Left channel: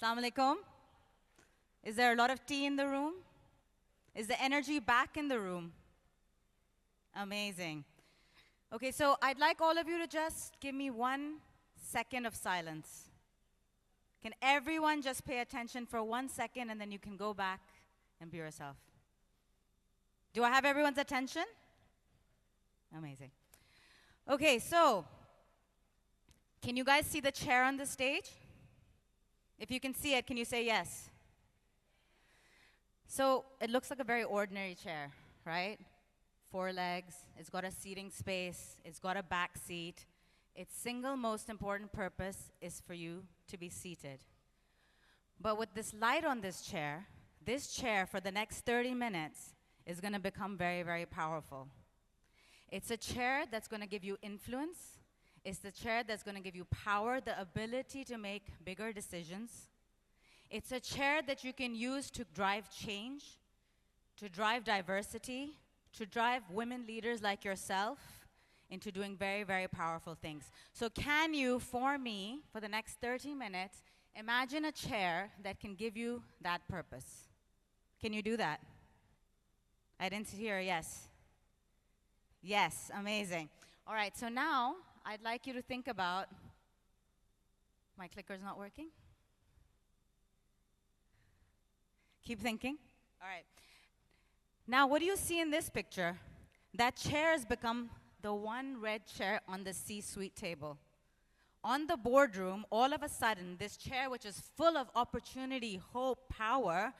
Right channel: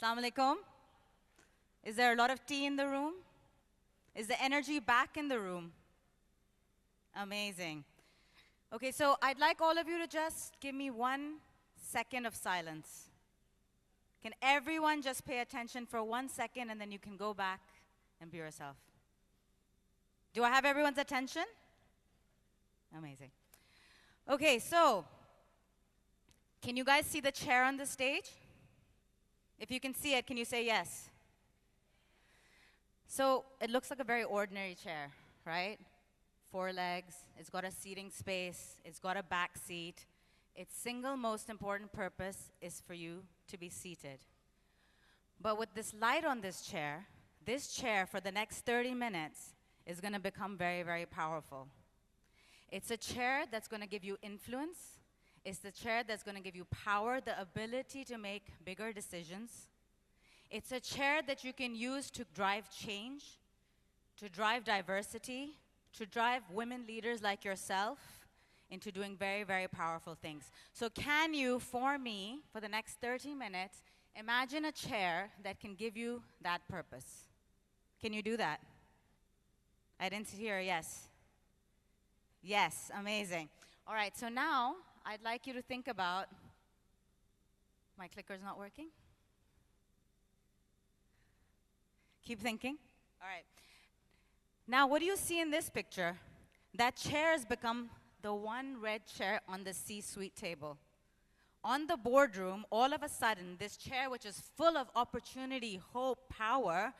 Assalamu alaikum. Is there a lot of tea in the room? Is the energy back in the room? Amazing. Okay, so I'd like all of you to just give me 1 second of silence. Can everyone just pay attention for 1 second and then you can go back and be yourself? Do I have everyone's attention? Amazing. Okay, so can you guys see the chair on the stage? If you can see it, can you say yes? So it looks like a very ordinary chair, right? 4 legs, it's got a seating space, it's got a back seat. Its single most important purpose is for you to be seated. But with this light on this chair for the next 30 minutes is going to become very, very powerful. It's a chair that's going to give you influence. It's the chair that's going to give you power, the ability to make bigger decisions. It's a chair that you can use to drive change, to drive diversity, to drive women leaders like yourself into doing very, very powerful things. So can you, for me, for the next 30 minutes, imagine a chair that can give you that purpose? Can you do that? I didn't hear a yes. Yes, amazing. All right, so now I'd like you to think about, my clicker's not working? Keep thinking. All right. Now, what do you see in this picture? That chair has become the one red chair on the C-suite table. On the boardroom, all of a sudden, this chair, which is full of opportunity, hope, power,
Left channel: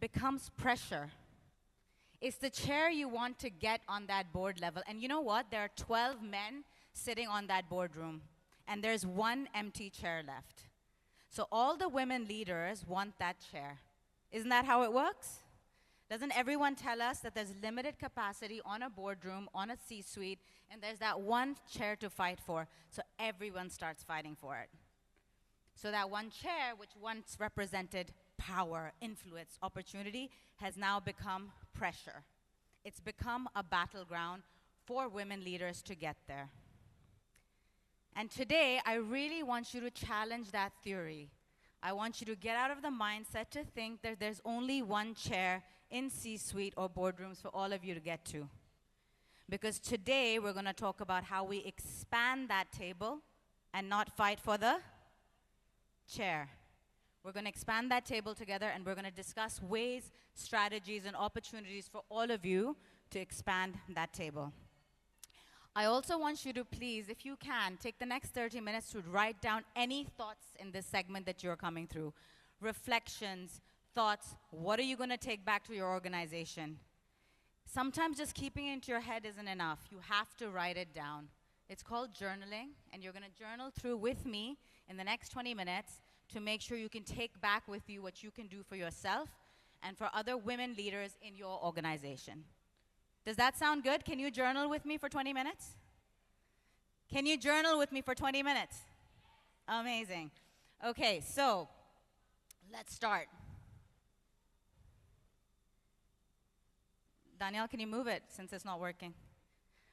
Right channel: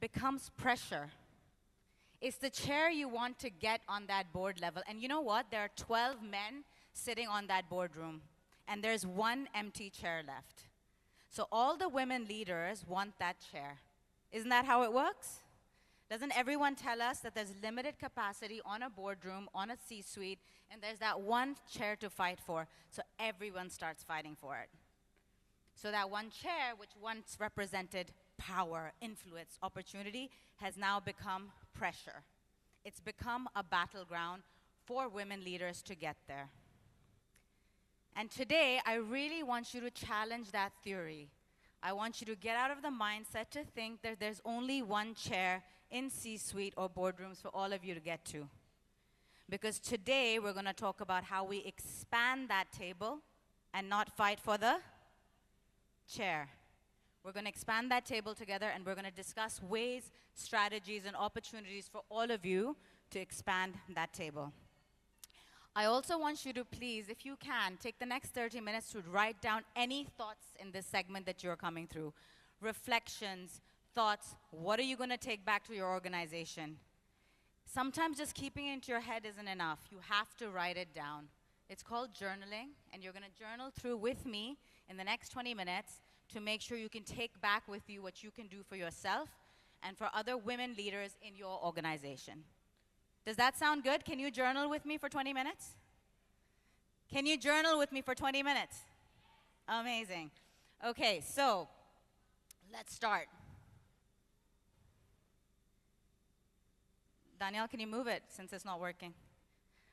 becomes pressure. It's the chair you want to get on that board level. And you know what? There are 12 men sitting on that boardroom, and there's 1 empty chair left. So all the women leaders want that chair. Isn't that how it works? Doesn't everyone tell us that there's limited capacity on a boardroom, on a C-suite, and there's that one chair to fight for, so everyone starts fighting for it. So that one chair, which once represented power, influence, opportunity, has now become pressure. It's become a battleground for women leaders to get there. And today, I really want you to challenge that theory. I want you to get out of the mindset to think that there's only one chair in C-suite or boardrooms for all of you to get to. Because today, we're going to talk about how we expand that table and not fight for the chair. We're going to expand that table together, and we're going to discuss ways, strategies, and opportunities for all of you to expand that table. I also want you to please, if you can, take the next 30 minutes to write down any thoughts in this segment that you're coming through. Reflections, thoughts, what are you going to take back to your organization? Sometimes just keeping it into your head isn't enough. You have to write it down. It's called journaling, and you're going to journal through with me in the next 20 minutes to make sure you can take back with you what you can do for yourself and for other women leaders in your organization. Does that sound good? Can you journal with me for 20 minutes? Can you journal with me for 20 minutes? Amazing. Okay, so let's start. Danielle, can you move it since it's not working?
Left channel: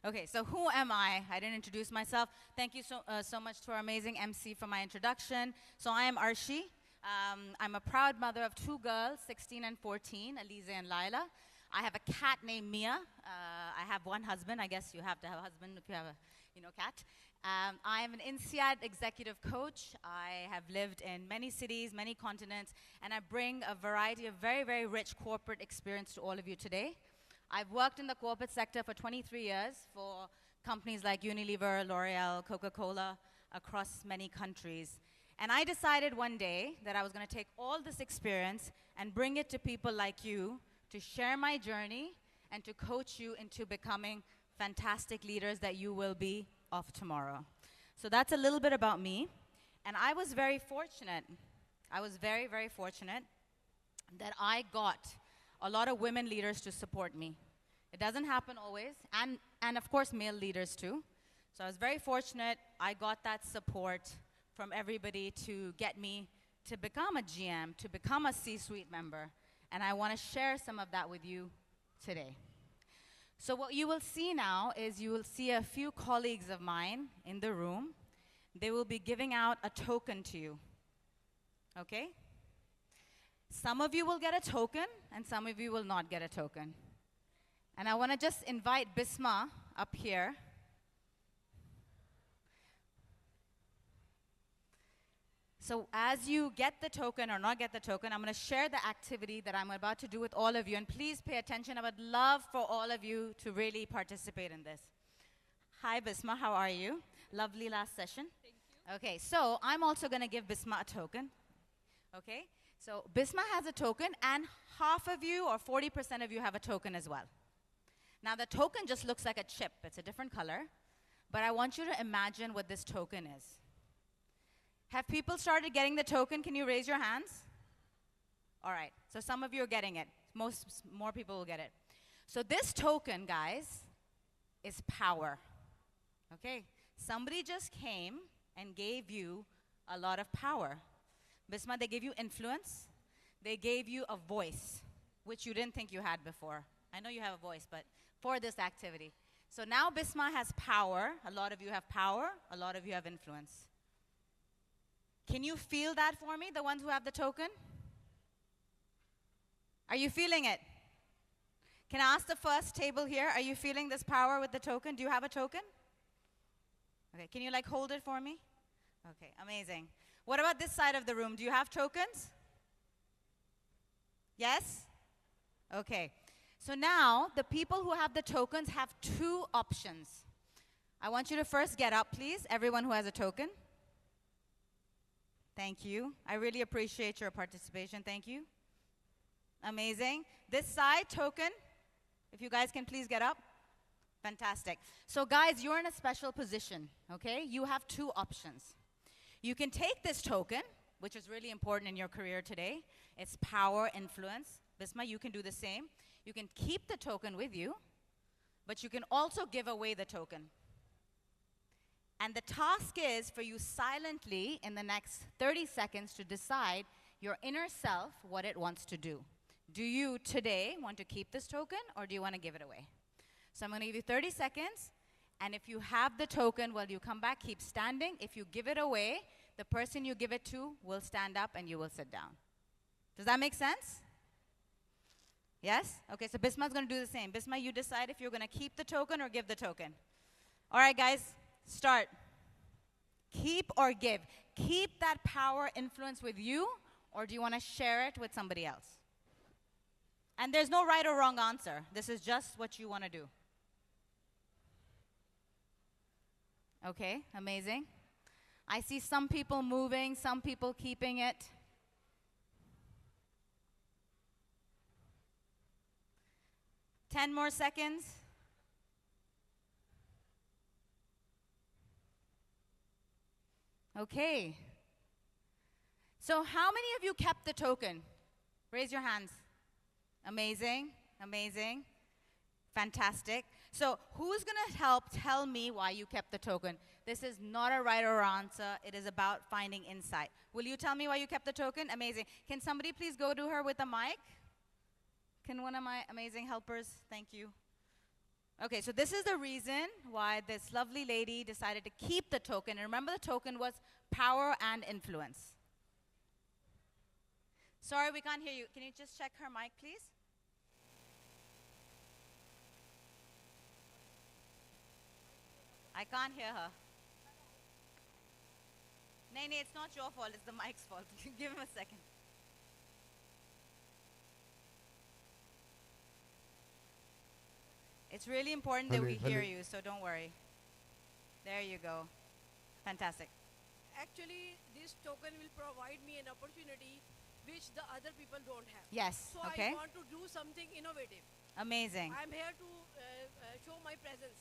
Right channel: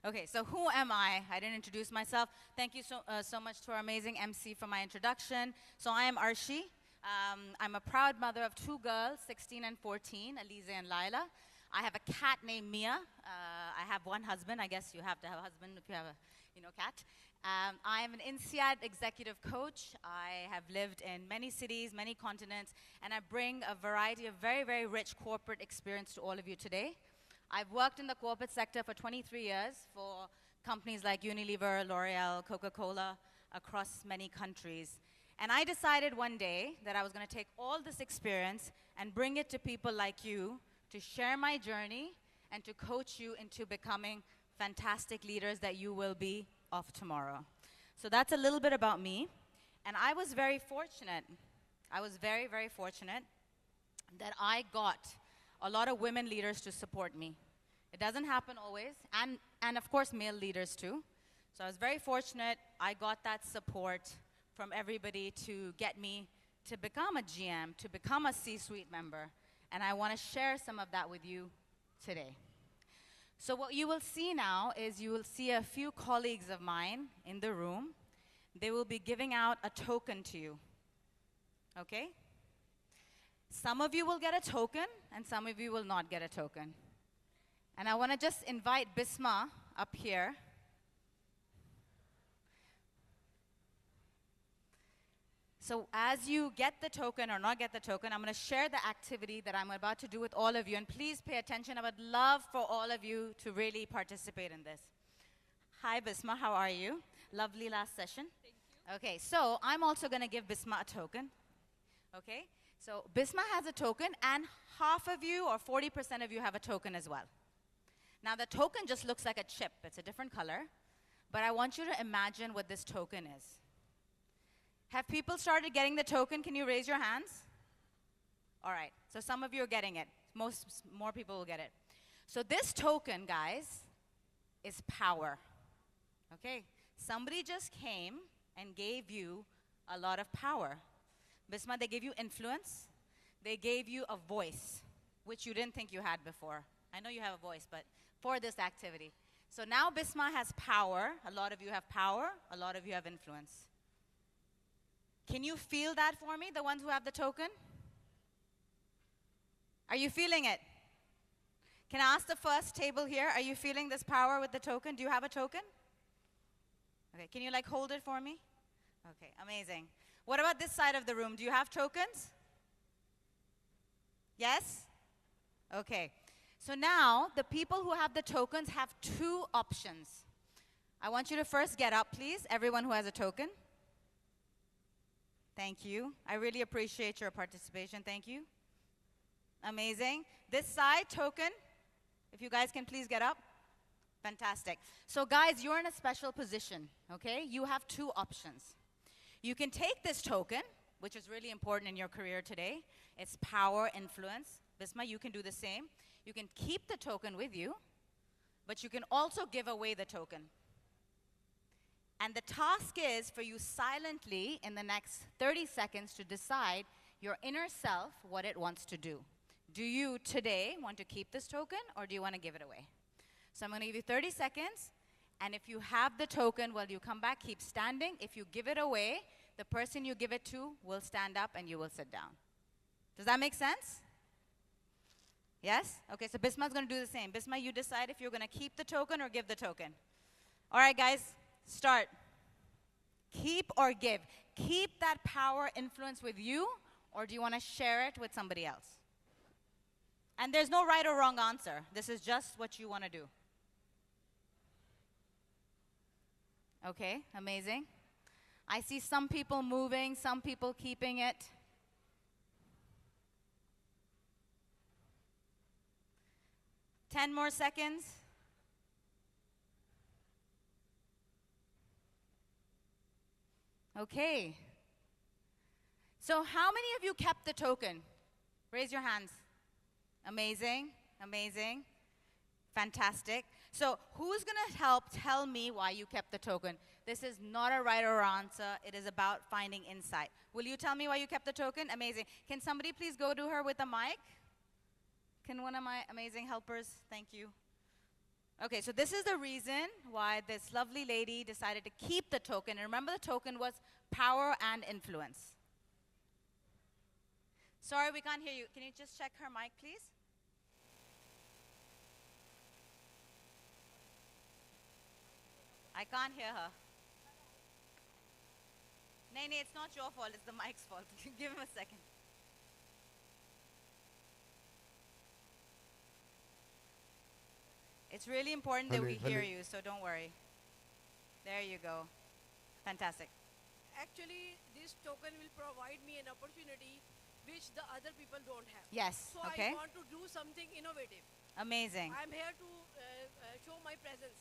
Okay, so who am I? I didn't introduce myself. Thank you so much to our amazing MC for my introduction. So I am Arshy. I'm a proud mother of 2 girls, 16 and 14, Aliza and Lila. I have a cat named Mia. I have 1 husband. I guess you have to have a husband if you have a cat. I am an INSEAD executive coach. I have lived in many cities, many continents, and I bring a variety of very, very rich corporate experience to all of you today. I've worked in the corporate sector for 23 years for companies like Unilever, L'Oreal, Coca-Cola, across many countries. And I decided one day that I was going to take all this experience and bring it to people like you to share my journey and to coach you into becoming fantastic leaders that you will be of tomorrow. So that's a little bit about me. And I was very fortunate. I was very, very fortunate that I got a lot of women leaders to support me. It doesn't happen always, and of course male leaders too. So I was very fortunate I got that support from everybody to get me to become a GM, to become a C-suite member. And I want to share some of that with you today. So what you will see now is you will see a few colleagues of mine in the room. They will be giving out a token to you. Okay? Some of you will get a token, and some of you will not get a token. And I want to just invite Bisma up here. So as you get the token or not get the token, I'm going to share the activity that I'm about to do with all of you. And please pay attention. I would love for all of you to really participate in this. Hi, Bisma. How are you? Lovely last session. Thank you. Okay, so I'm also going to give Bisma a token. Okay, so Bisma has a token, and half of you or 40% of you have a token as well. Now, the token just looks like a chip. It's a different color. But I want you to imagine what this token is. Have people started getting the token? Can you raise your hands? All right, so some of you are getting it. More people will get it. So this token, guys, is power. Okay, somebody just came and gave you a lot of power. Bisma, they gave you influence. They gave you a voice, which you didn't think you had before. I know you have a voice, but for this activity. So now Bisma has power. A lot of you have power. A lot of you have influence. Can you feel that for me, the ones who have the token? Are you feeling it? Can I ask the first table here, are you feeling this power with the token? Do you have a token? Okay, can you like hold it for me? Okay, amazing. What about this side of the room? Do you have tokens? Yes? Okay. So now, the people who have the tokens have two options. I want you to first get up, please, everyone who has a token. Thank you. I really appreciate your participation. Thank you. Amazing. This side, token, if you guys can please get up. Fantastic. So guys, you're in a special position, okay? You have two options. You can take this token, which is really important in your career today. It's power, influence. Bisma, you can do the same. You can keep the token with you, but you can also give away the token. And the task is for you silently in the next 30 seconds to decide your inner self what it wants to do. Do you today want to keep this token or do you want to give it away? So I'm going to give you 30 seconds. And if you have the token, well, you come back, keep standing. If you give it away, the person you give it to will stand up and you will sit down. Does that make sense? Yes? Okay, so Bisma's going to do the same. Bisma, you decide if you're going to keep the token or give the token. All right, guys. Start. Keep or give. Keep that power influence with you, or do you want to share it with somebody else? And there's no right or wrong answer. This is just what you want to do. Okay, amazing. I see some people moving, some people keeping it. Ten more seconds. Okay. So how many of you kept the token? Raise your hands. Amazing, amazing, fantastic. So who's going to help tell me why you kept the token? This is not a right or wrong answer. It is about finding insight. Will you tell me why you kept the token? Amazing. Can somebody please go to her with a mic? Can one of my amazing helpers? Thank you. Okay, so this is the reason why this lovely lady decided to keep the token. And remember, the token was power and influence. Sorry, we can't hear you. Can you just check her mic, please? I can't hear her. No, it's not your fault. It's the mic's fault. Give him a second. It's really important that we hear you, so don't worry. There you go. Fantastic. Actually, this token will provide me an opportunity which the other people don't have. Yes, so okay. I want to do something innovative. Amazing. I'm here to show my presence.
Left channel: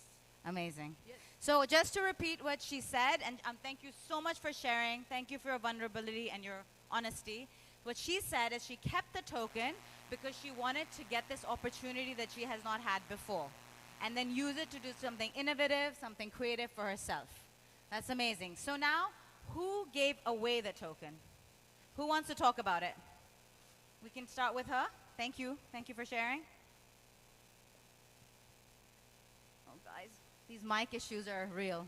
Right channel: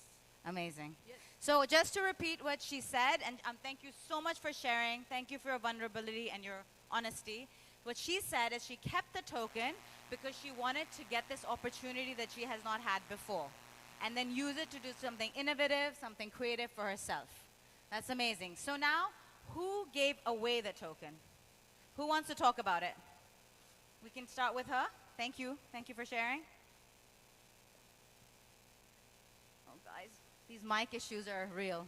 Amazing. Yes. So just to repeat what she said, and thank you so much for sharing. Thank you for your vulnerability and your honesty. What she said is she kept the token because she wanted to get this opportunity that she has not had before, and then use it to do something innovative, something creative for herself. That's amazing. So now, who gave away the token? Who wants to talk about it? We can start with her. Thank you. Thank you for sharing. Oh, guys, these mic issues are real.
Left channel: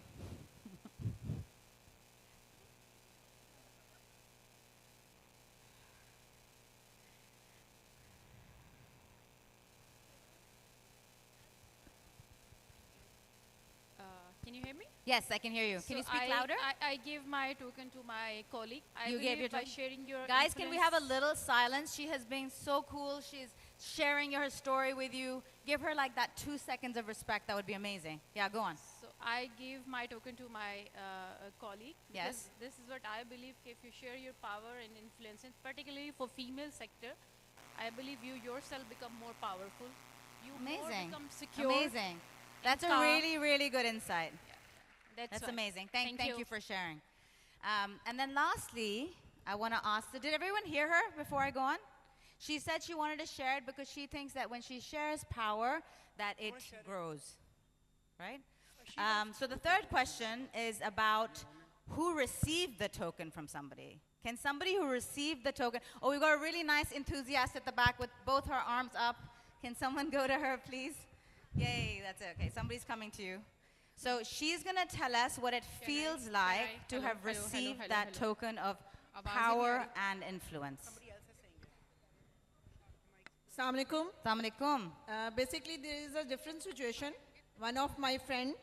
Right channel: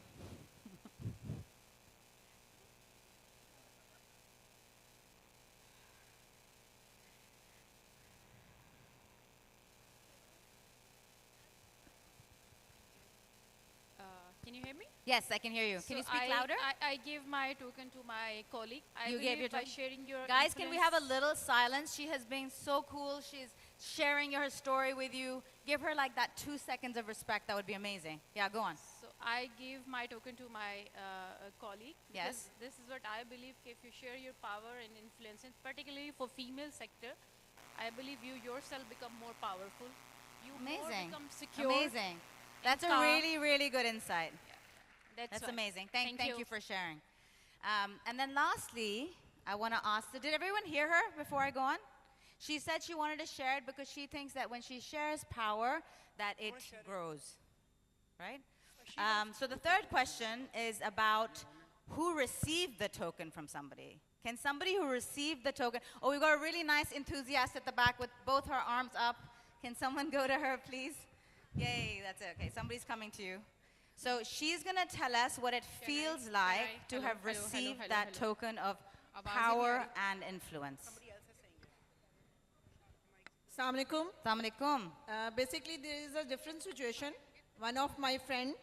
Yes, I can hear you. Can you speak louder? I give my token to my colleague. You gave your by token? sharing your Guys, can we have a influence- little silence? She has been so cool. She's sharing her story with you. Give her like that 2 seconds of respect. That would be amazing. Yeah, go on. So I give my token to my colleague. Yes. Because this is what I believe. If you share your power and influence, and particularly for female sector, I believe you yourself become more powerful. You Amazing. more become secure. Amazing. That's a calm. really, really good insight. That's why. amazing. Thank you for sharing. And then lastly, I want to ask, did everyone hear her before I go on? She said she wanted to share it because she thinks that when she shares power, that it grows, right? So the third question is about who received the token from somebody. Can somebody who received the token, oh, we've got a really nice enthusiast at the back with both her arms up. Can someone go to her, please? Yay, that's it. Okay, somebody's coming to you. So she's going to tell us what it feels like to have received that token of power and influence. Assalamu alaikum. Assalamu alaikum. Basically, there is a different situation. One of my friend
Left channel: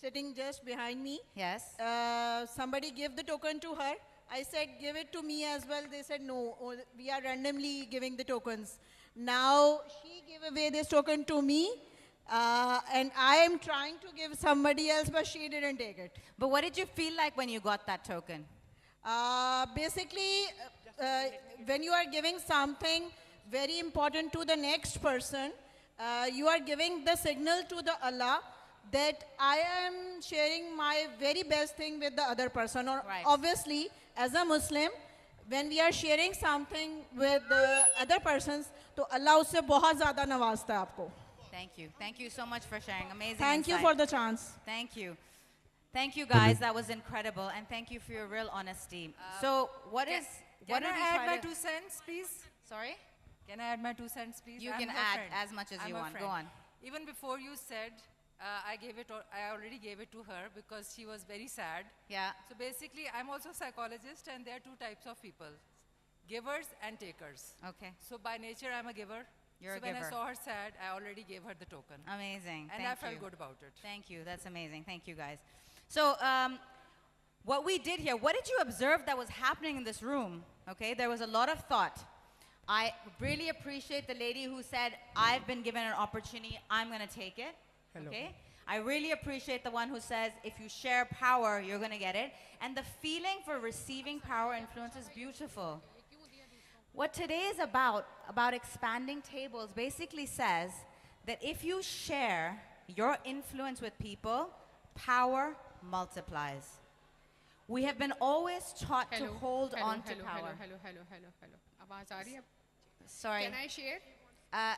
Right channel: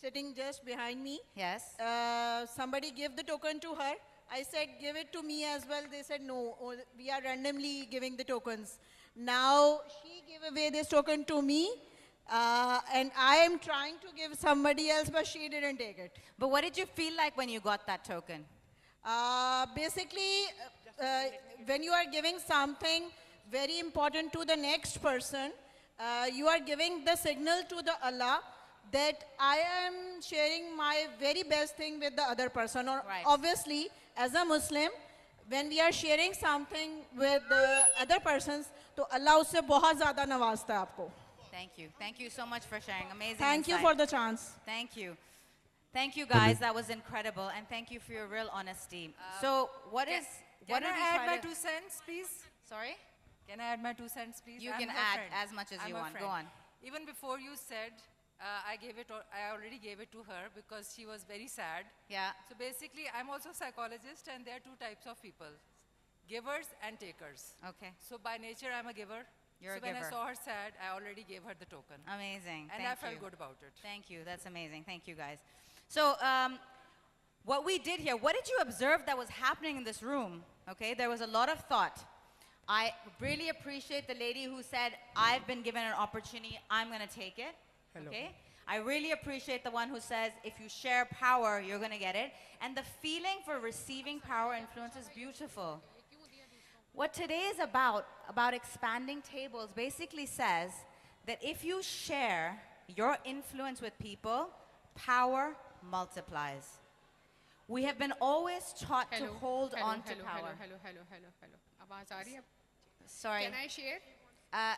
sitting just behind me. Yes. Somebody gave the token to her. I said, give it to me as well. They said, no, we are randomly giving the tokens. Now, she gave away this token to me. And I am trying to give somebody else, but she didn't take it. But what did you feel like when you got that token? Basically, when you are giving something very important to the next person, you are giving the signal to the Allah that I am sharing my very best thing with the other person. Or Right. Obviously, as a Muslim, when we are sharing something with the other persons, तो Allah उससे बहुत ज़्यादा नवाजता है आपको. Thank you. Thank you so much for sharing. Amazing Thank you insight. for the chance. Thank you. Thank you, guys. That was incredible. And thank you for your real honesty. So what Can did I we add try my to- 2 cents, please? Sorry? Can I add my 2 cents, please? You I'm can her add friend. as much as I'm you her want. friend. Go on. Even before you said, I already gave it to her because she was very sad. Yeah. So basically, I'm also a psychologist, and there are 2 types of people, givers and takers. Okay. So by nature, I'm a giver. You're so a when giver. I saw her sad, I already gave her the token. Amazing. And Thank I felt you. good about it. Thank you. That's amazing. Thank you, guys. So what we did here, what did you observe that was happening in this room? Okay, there was a lot of thought. I really appreciate the lady who said, I've been given an opportunity, I'm going to take it. Hello. Okay? I really appreciate the one who says, if you share power, you're going to get it. And the feeling for receiving power influence is beautiful. What today is about expanding tables, basically says that if you share your influence with people, power multiplies. We have been always taught to hold on to power. Hello. आवाज आ रही है? Sorry. Can I share?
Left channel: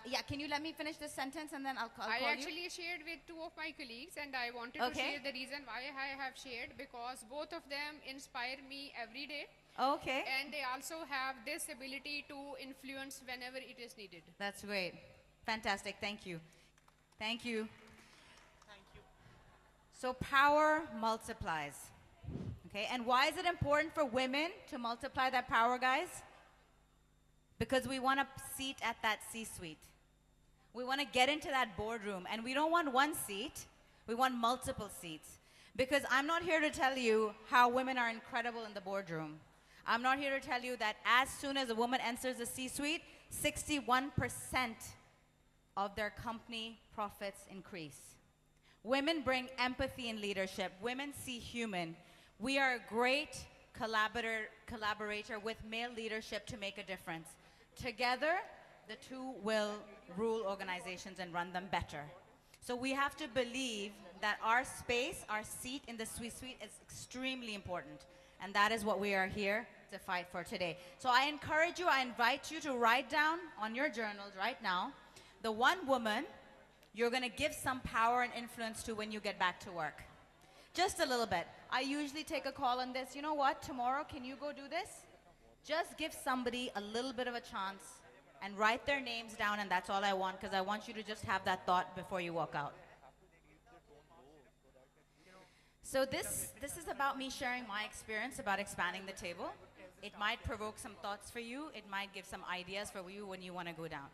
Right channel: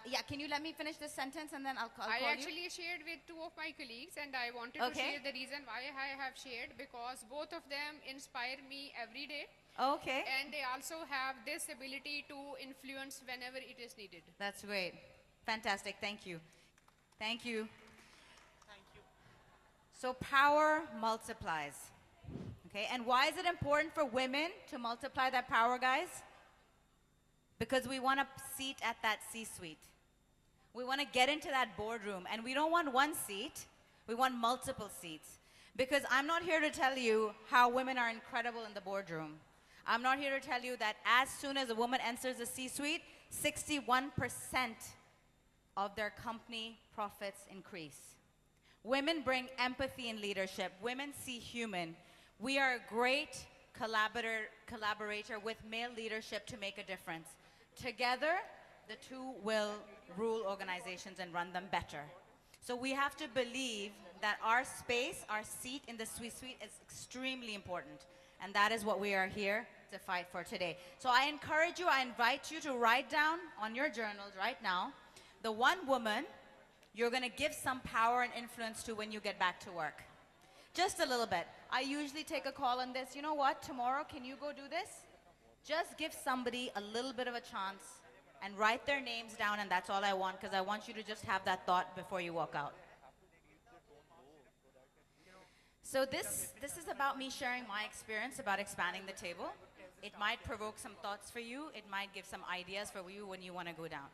Yeah, can you let me finish this sentence and then I'll call I you? actually shared with 2 of my colleagues, and I wanted to Okay. share the reason why I have shared, because both of them inspire me every day, Okay. and they also have this ability to influence whenever it is needed. That's great. Fantastic. Thank you. Thank you. So power multiplies. Okay, and why is it important for women to multiply that power, guys? Because we want a seat at that C-suite. We want to get into that boardroom, and we don't want one seat. We want multiple seats. Because I'm not here to tell you how women are incredible in the boardroom. I'm not here to tell you that as soon as a woman enters the C-suite, 61% of their company profits increase. Women bring empathy in leadership. Women see human. We are a great collaborator with male leadership to make a difference. Together, the two will rule organizations and run them better. So we have to believe that our space, our seat in the C-suite is extremely important. And that is what we are here to fight for today. So I encourage you, I invite you to write down on your journals right now the one woman you're going to give some power and influence to when you get back to work. Just a little bit. I usually take a call on this. You know what? Tomorrow, can you go do this? Just give somebody a little bit of a chance and write their names down, and that's all I want, because I want you to just have that thought before you walk out. So this is about me sharing my experience about expanding the table. It might provoke some thoughts for you. It might give some ideas for you when you want to go down.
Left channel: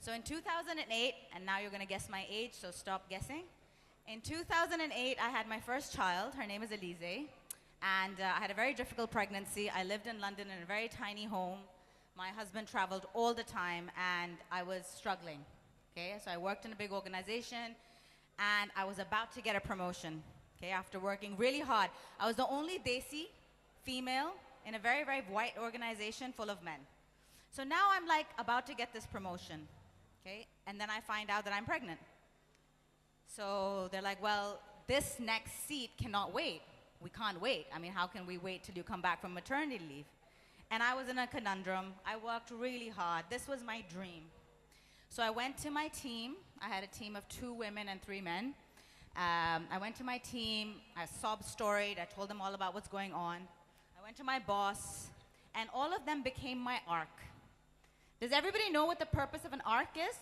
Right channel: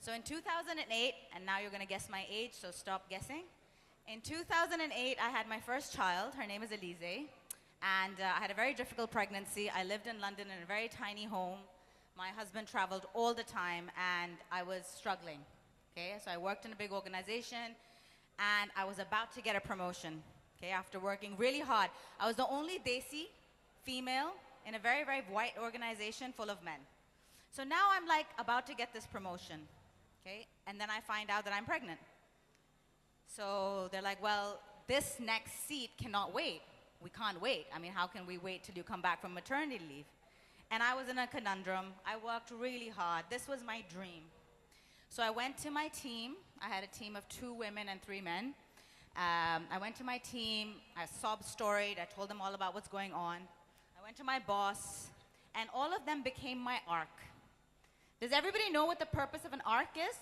So in 2008, and now you're going to guess my age, so stop guessing. In 2008, I had my first child. Her name is Elise. And I had a very difficult pregnancy. I lived in London in a very tiny home. My husband traveled all the time, and I was struggling. Okay, so I worked in a big organization, and I was about to get a promotion. Okay, after working really hard. I was the only Desi female in a very, very white organization full of men. So now I'm like about to get this promotion. Okay, and then I find out that I'm pregnant. So they're like, well, this next seat cannot wait. We can't wait. I mean, how can we wait till you come back from maternity leave? And I was in a conundrum. I worked really hard. This was my dream. So I went to my team. I had a team of 2 women and 3 men. I went to my team. I sob-storied. I told them all about what's going on. I went to my boss, and all of them became my arc. Does everybody know what the purpose of an arc is?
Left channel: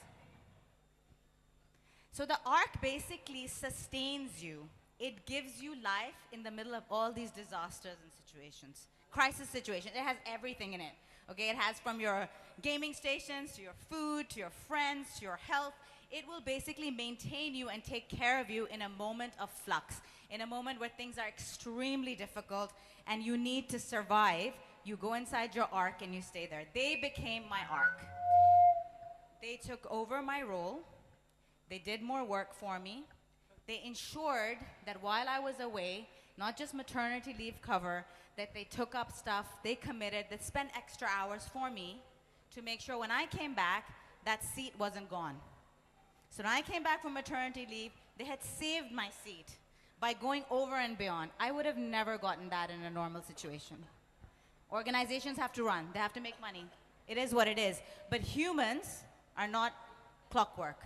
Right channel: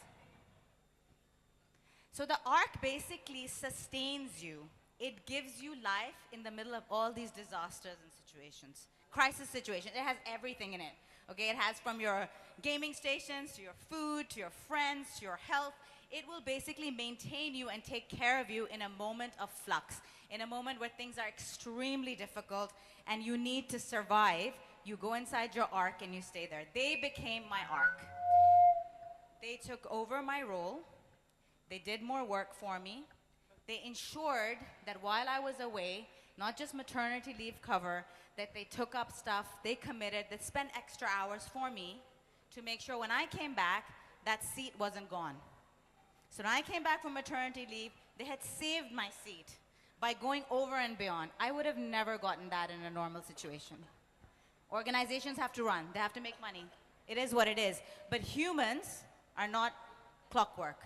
So the arc basically sustains you. It gives you life in the middle of all these disasters and situations. Crisis situations. It has everything in it. Okay, it has from your gaming stations, to your food, to your friends, to your health. It will basically maintain you and take care of you in a moment of flux, in a moment where things are extremely difficult and you need to survive. You go inside your arc and you stay there. They became my arc. They took over my role. They did more work for me. They ensured that while I was away, not just maternity leave cover, that they took up stuff, they committed, they spent extra hours for me to make sure when I came back, that seat wasn't gone. So when I came back from maternity leave, they had saved my seat by going over and beyond. I would have never gotten that in a normal situation. Organizations have to run, they have to make money. It is what it is. But humans are not clockwork.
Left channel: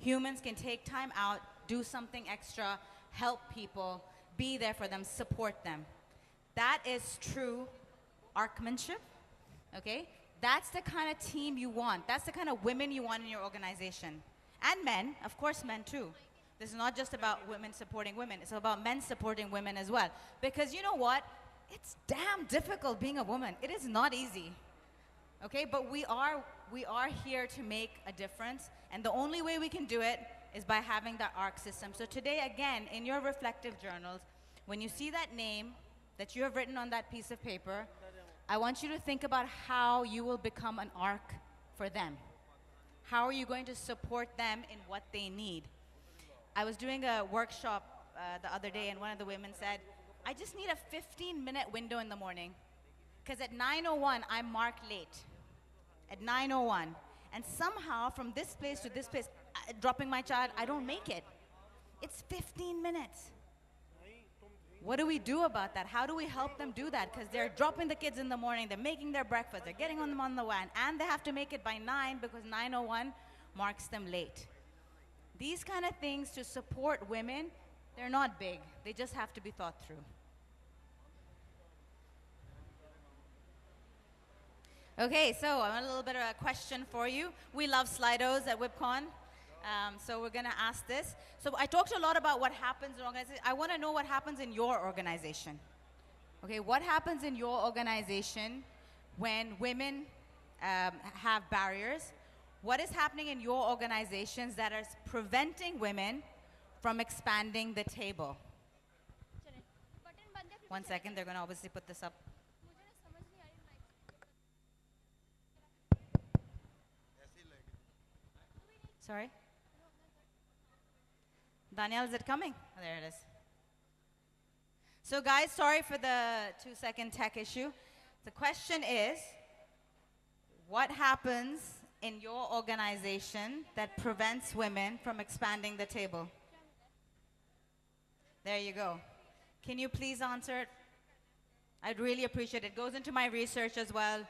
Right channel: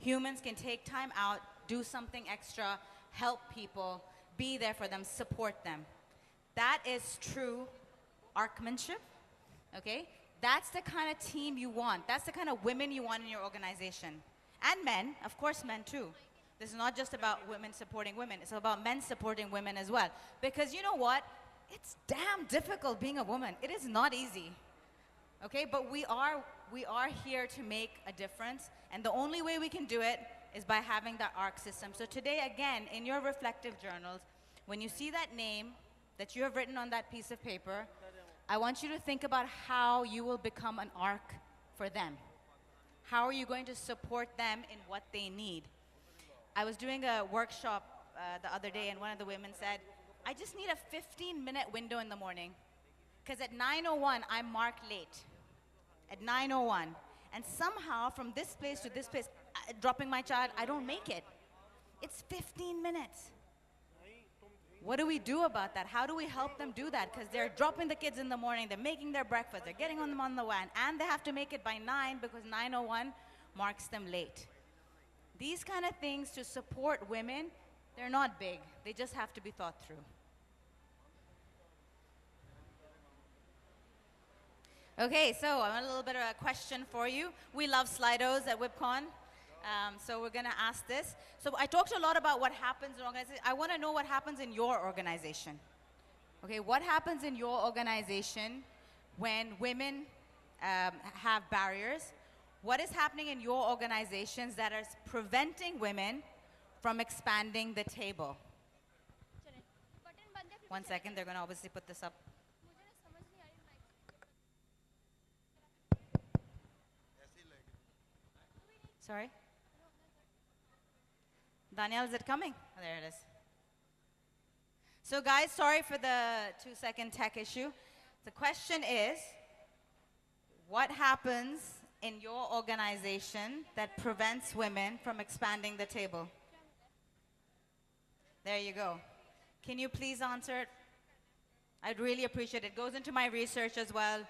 Humans can take time out, do something extra, help people, be there for them, support them. That is true arcmanship, okay? That's the kind of team you want. That's the kind of women you want in your organization. And men, of course men too. This is not just about women supporting women. It's about men supporting women as well. Because you know what? It's damn difficult being a woman. It is not easy, okay? But we are here to make a difference. And the only way we can do it is by having that ARC system. So today, again, in your reflective journals, when you see that name that you have written on that piece of paper, I want you to think about how you will become an ARC for them. How are you going to support them in what they need? I was doing a workshop the other day, and one of the women said, I just need a 15-minute window in the morning, because at 9:01, I'm marked late. At 9:01. And somehow, from this place to this place, dropping my child, I don't make it. It's 15 minutes. What do we do about that? How do we help them do that? Because they're dropping the kids in the morning, they're making their breakfast, they're getting on them on the van, and they have to make it by 9 because 9:01 marks them late. These kind of things to support women, they're not big. They just have to be thought through. Okay, so I have a little bit of a question for you. We love Slidos at WIBCON. So we're going to ask this. So I talked a lot about what happens in organizations. I want to know what happens in your organization. Okay, what happens in your organization when women have barriers? What is happening in your organizations that is preventing women from expanding the table? 1 second, they're going to obviously put this up. Sorry? Danielle, is it coming? Oh, there it is. So guys, sorry for the 2-second tech issue. The question is, what happens in your organization that prevents women from expanding the table? There you go. Can you please answer it? I'd really appreciate it. It goes into my research as well.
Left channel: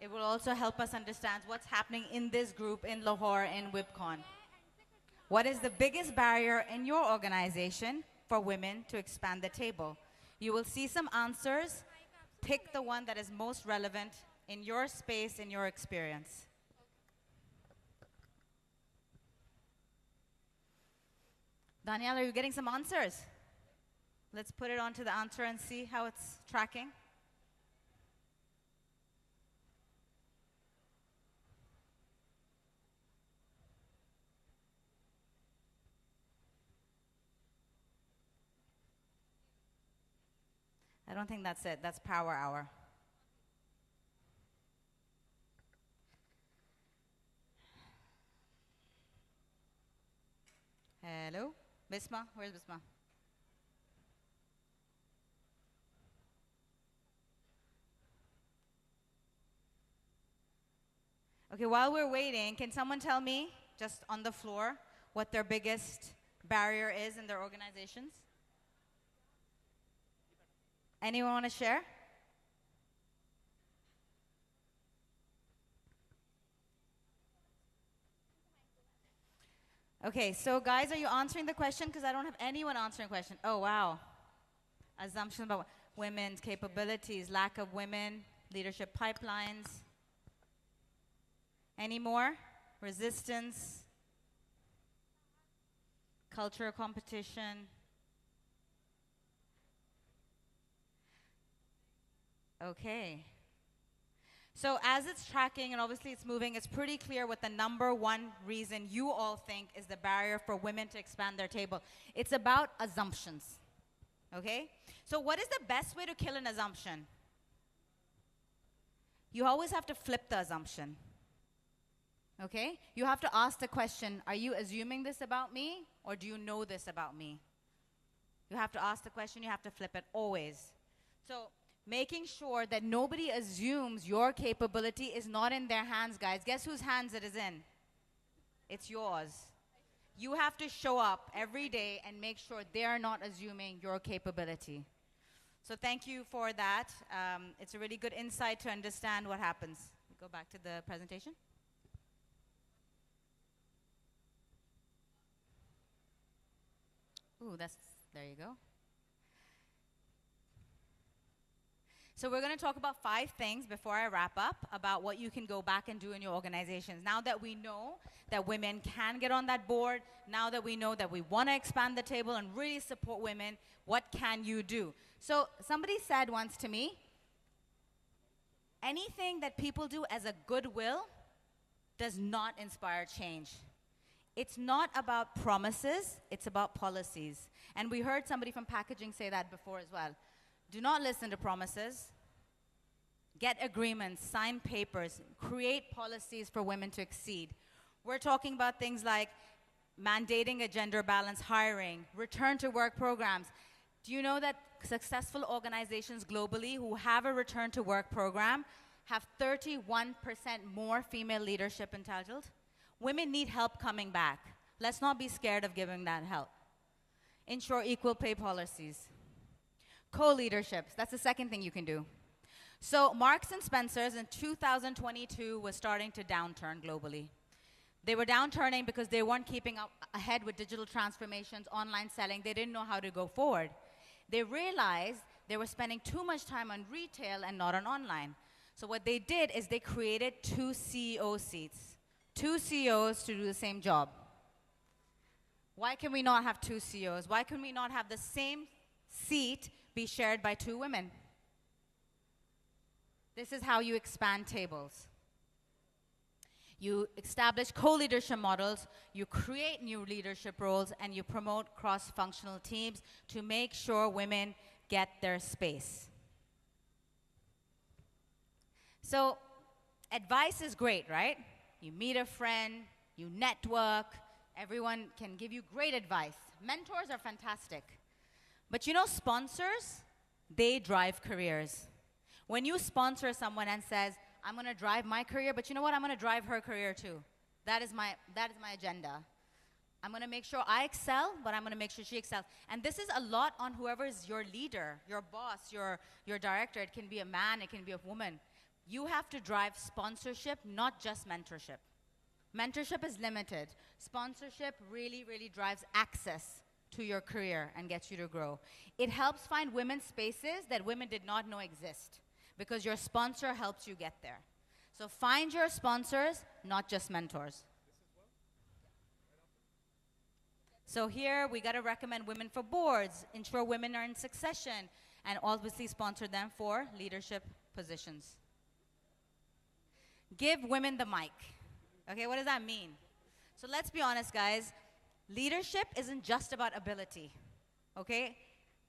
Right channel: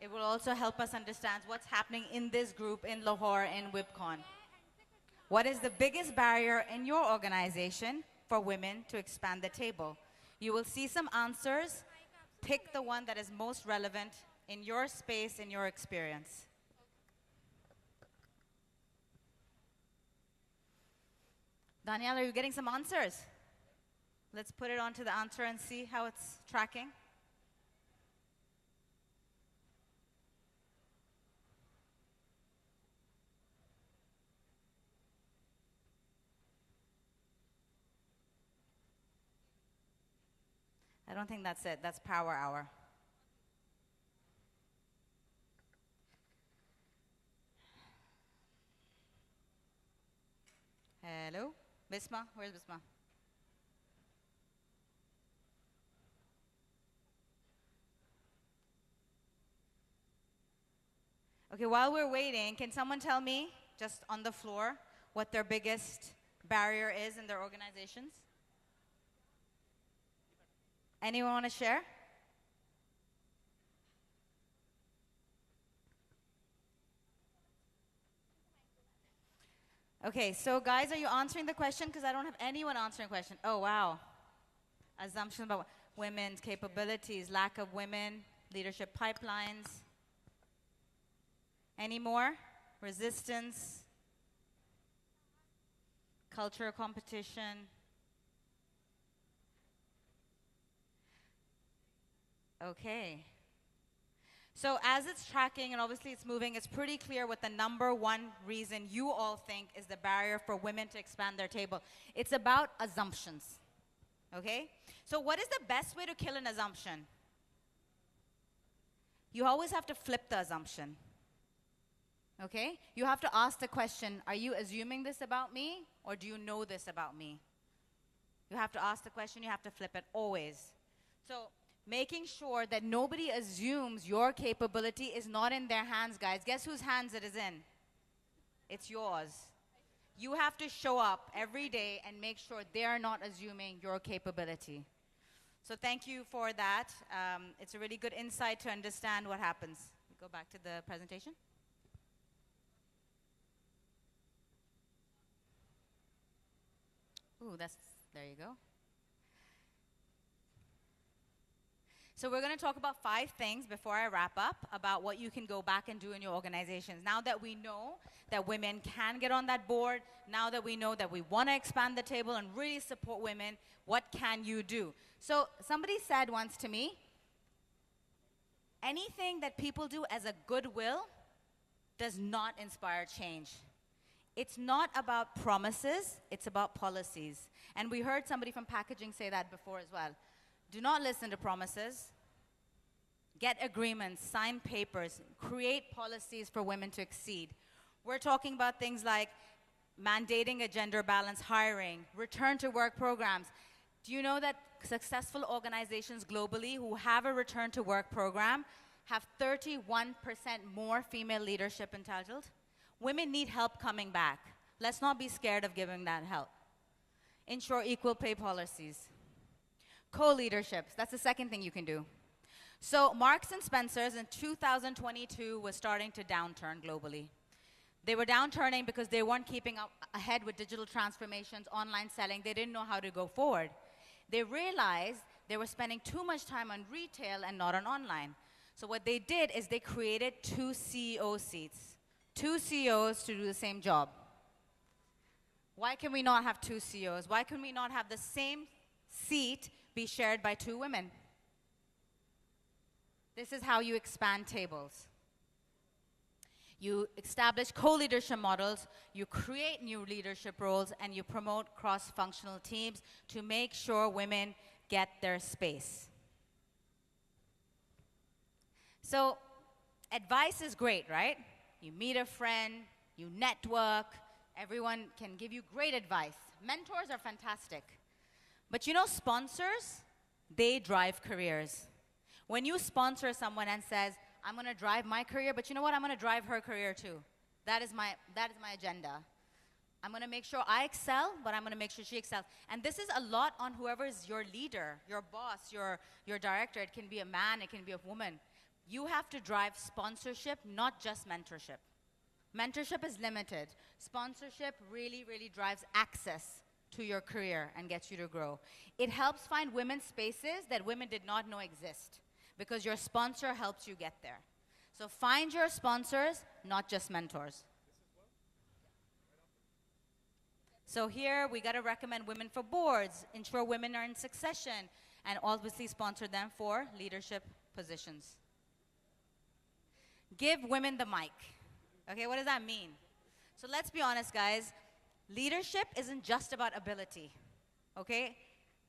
It will also help us understand what's happening in this group in Lahore in WIBCON. What is the biggest barrier in your organization for women to expand the table? You will see some answers. Pick the one that is most relevant in your space, in your experience. Danielle, are you getting some answers? Let's put it onto the answer and see how it's tracking. I don't think that's it. That's power hour. Hello? Bisma? Where's Bisma? Okay, while we're waiting, can someone tell me, just on the floor, what their biggest barrier is in their organizations? Anyone want to share? Okay, so guys, are you answering the question? Because I don't have anyone answering the question. Oh, wow. Assumptions about women's capabilities, lack of women, leadership pipelines. Any more? Resistance, culture competition. Okay. So as it's tracking and obviously it's moving, it's pretty clear what the number one reason you all think is the barrier for women to expand their table. It's about assumptions. Okay? So what is the best way to kill an assumption? You always have to flip the assumption. Okay? You have to ask the question, are you assuming this about me or do you know this about me? You have to ask the question, you have to flip it always. So making sure that nobody assumes your capability is not in their hands, guys. Guess whose hands it is in? It's yours. You have to show up every day and make sure they're not assuming your capability. So thank you for that. It's a really good insight to understand what happens. Go back to the presentation. Ooh, there you go. So we're going to talk about 5 things before I wrap up about what you can go back and do in your organizations. Now that we know that women can get on that board, now that we know that we want to expand the table and really support women, what can you do? So somebody said once to me, anything that people do as a goodwill does not inspire change. It's not about promises, it's about policies. And we heard somebody from packaging say that before as well. Do not listen to promises. Get agreements, sign papers, create policies for women to exceed. We're talking about things like mandating a gender balance hiring, return to work programs. Do you know that successful organizations globally who have a return to work program have 31% more female leadership entitled? Women need help coming back. Let's not be scared of giving that help. Ensure equal pay policies. Co-leaderships, that's the second thing you can do. So Marks and Spencer's in 2022 was starting to downturn globally. They were downturning because they weren't keeping up ahead with digital transformations, online selling. They didn't know how to go forward. They realized they were spending too much time on retail and not on online. So what they did is they created 2 CEO seats. 2 CEOs to do the same job. Why can we not have 2 CEOs? Why can we not have the same seat be shared by 2 women? This is how you expand tables. You establish co-leadership models, you create new leadership roles, and you promote cross-functional teams to make sure women get their space. So, advice is great, right? You meet a friend, you network, everyone can give you great advice. Mentors are fantastic. But you know, sponsors, they drive careers. When you sponsor someone and says, I'm going to drive my career, but you know what? I'm going to drive her career too. That is my agenda. I'm going to make sure I excel, but I'm going to make sure she excels. And this is a lot on whoever is your leader, your boss, your director. It can be a man, it can be a woman. You have to drive sponsorship, not just mentorship. Mentorship is limited. Sponsorship really, really drives access to your career and gets you to grow. It helps find women's spaces that women did not know exist because your sponsor helps you get there. So find your sponsors, not just mentors. So here we got to recommend women for boards, ensure women are in succession, and obviously sponsor them for leadership positions. Give women the mic. Okay, what does that mean? So let's be honest, guys. Leadership isn't just about ability, okay?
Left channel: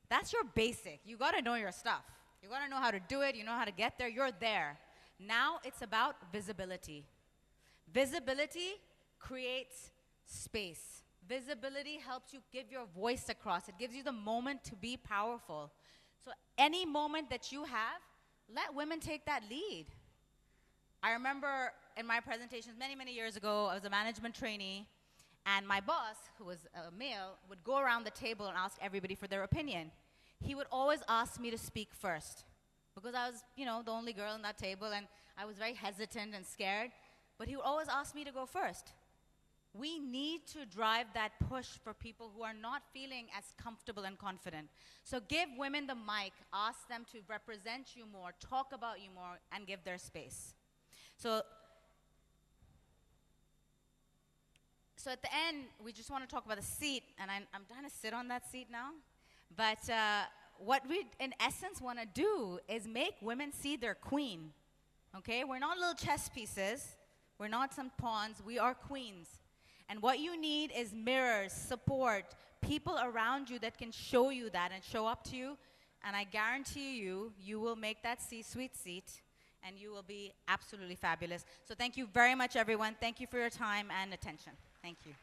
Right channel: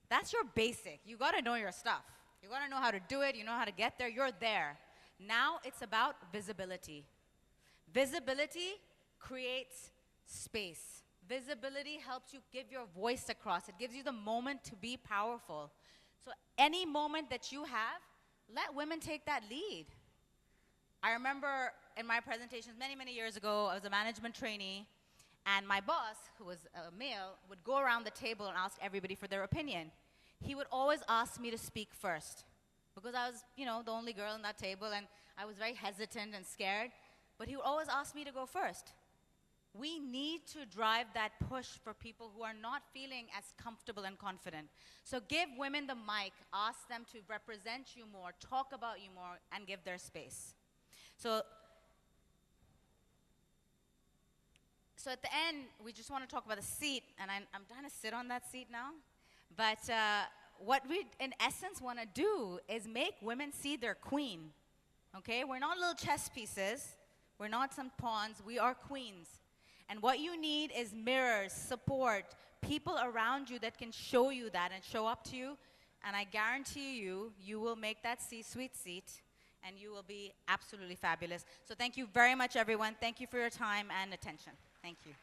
That's your basic. You got to know your stuff. You got to know how to do it. You know how to get there. You're there. Now it's about visibility. Visibility creates space. Visibility helps you give your voice across. It gives you the moment to be powerful. So any moment that you have, let women take that lead. I remember in my presentations many, many years ago, I was a management trainee, and my boss, who was a male, would go around the table and ask everybody for their opinion. He would always ask me to speak first because I was, you know, the only girl on that table, and I was very hesitant and scared, but he would always ask me to go first. We need to drive that push for people who are not feeling as comfortable and confident. So give women the mic, ask them to represent you more, talk about you more, and give their space. So at the end, we just want to talk about the seat, and I'm trying to sit on that seat now. But what we, in essence, want to do is make women see their queen. Okay? We're not little chess pieces. We're not some pawns. We are queens. And what you need is mirrors, support, people around you that can show you that and show up to you. And I guarantee you, you will make that C-suite seat, and you will be absolutely fabulous. So thank you very much, everyone. Thank you for your time and attention. Thank you.